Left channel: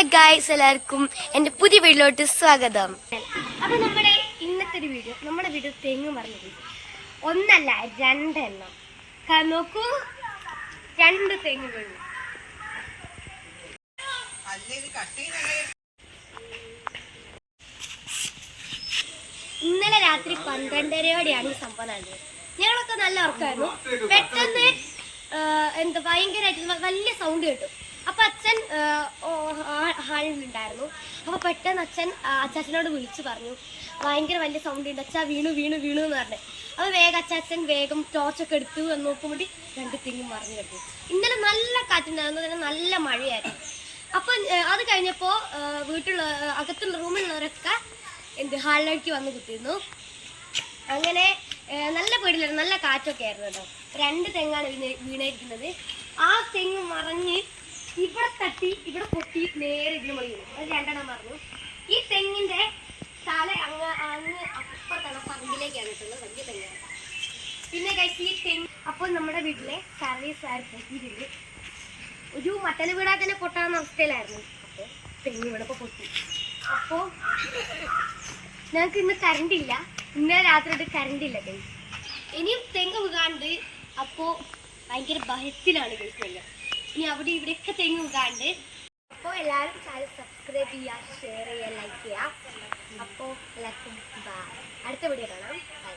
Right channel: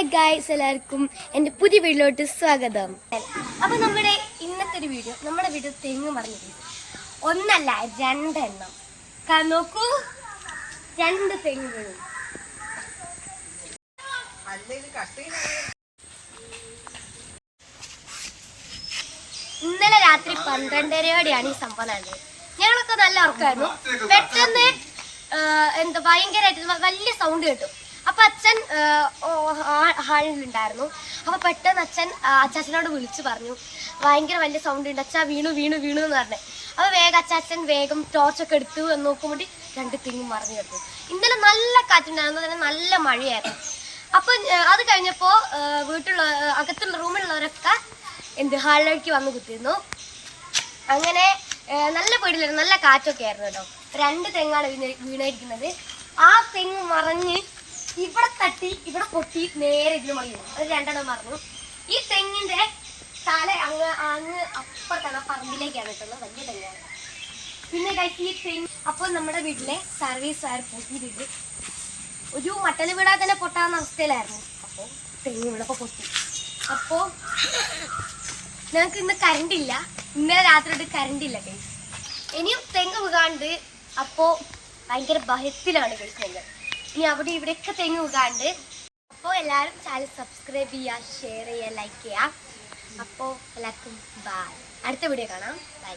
Hello guys എല്ലാവർക്കും എന്റെ പുതിയ വീട്ടിലോട്ട് സ്വാഗതം. അപ്പൊ നമ്മുടെ ഇന്നത്തെ ഒരു വീഡിയോ നമ്മുടെ വീട് തെങ്ങ് പറഞ്ഞിട്ട് ഒന്നല്ല രണ്ടെണ്ണം. നോക്കൂ രണ്ട് തെങ്ങുകൾ. ഇന്നലെ രാത്രി പന്ത്രണ്ടരയോടെയാണ് ഈ സംഭവം നടന്നത്. ഞങ്ങളൊക്കെ നല്ല ഉറക്കമായിരുന്നു. പെട്ടെന്ന് എന്താ ഭയങ്കരമായിട്ട് വലിയ സൗണ്ട് കേട്ടു. അപ്പൊ അച്ഛൻ ഹാളിലുണ്ടായിരുന്നു അപ്പൊ പെട്ടെന്ന് അച്ഛൻ അച്ചാച്ചനോട് വിളിച്ചു പറഞ്ഞു ഭയങ്കര വലിയ സൗണ്ട് ഉണ്ട്. അച്ഛാ വീണു വീണു വീണു എന്ന് പറഞ്ഞു. അപ്പൊ വേഗം അച്ചാച്ചൻ വേഗം ടോർച്ചൊക്കെ എടുത്തു എന്ന് നോക്കുമ്പോൾ രണ്ട് തിങ്ങും മറിഞ്ഞു കിടന്നു ഇന്നലെ നല്ല കാറ്റുണ്ടായിരുന്നു. തന്നെ നല്ല മഴയായിരുന്നു. അപ്പൊ അത് കഴിഞ്ഞപ്പോ വീട്ടിലുള്ള അകത്തുള്ള റൂമിലുള്ളവരൊക്കെ എന്ത് ഹാളിലേക്ക് വന്ന് കുത്തിയിരുന്നു. അങ്ങനെ നല്ല പേടിലായിരുന്നു നല്ല കാറ്റൊക്കെ ആയിരുന്നു കേട്ടോ. രണ്ട് തെങ്ങാണ് വീണ വീണായിരിക്കുന്നത്. ആ തെങ്ങ് മറിഞ്ഞ് ഇവിടെ തട്ടി ഇവിടെ പൊട്ടി നേരെ ഇതിന് മുകളിൽ അത് രണ്ടെണ്ണം മറന്നു. ഈ തെങ്ങിന്റെ തല അങ്ങ് അങ്ങ് അപ്പുറത്താണ് പറമ്പിലേക്കാണ് കിട്ടുന്നത് വലിയ തെങ്ങാണ്. പിന്നെ കഴിച്ച് ഈ തെങ്ങ് അപ്പോൾ നമ്മുടെ വീട്ടിലെ സർവീസ് വയർ പൊട്ടിയിട്ടുണ്ട്? ഒരു മട്ടൽ വീടാ തന്നെ പൊട്ടാവുന്ന അവസ്ഥയിലായിരുന്നു. അപ്പോൾ തെങ്ങ് ഇവിടെ പൊട്ടി. അപ്പോൾ ഞങ്ങൾക്ക് ഇന്ന് കറണ്ട് ഇല്ല. ഇന്നലെ രാത്രി ഇത് കറണ്ട് ഇല്ല. ഇനിയും തെങ്ങ് വീകാണ്ട് അപ്പോൾ ഭയങ്കര ഭയത്തിലാണ് കഴിക്കുന്നത് ഇനി അവിടെ ഇവിടെയൊക്കെ തെങ്ങ് വീകാണ്ട് അപ്പോൾ എല്ലാവരും ചാനൽ സബ്സ്ക്രൈബ് ചെയ്യുക ഷെയർ ചെയ്യുക ലൈക്ക് ചെയ്യുക. അപ്പോൾ എല്ലാവർക്കും ബൈ അടുത്ത വീഡിയോ കാണാം. ബൈ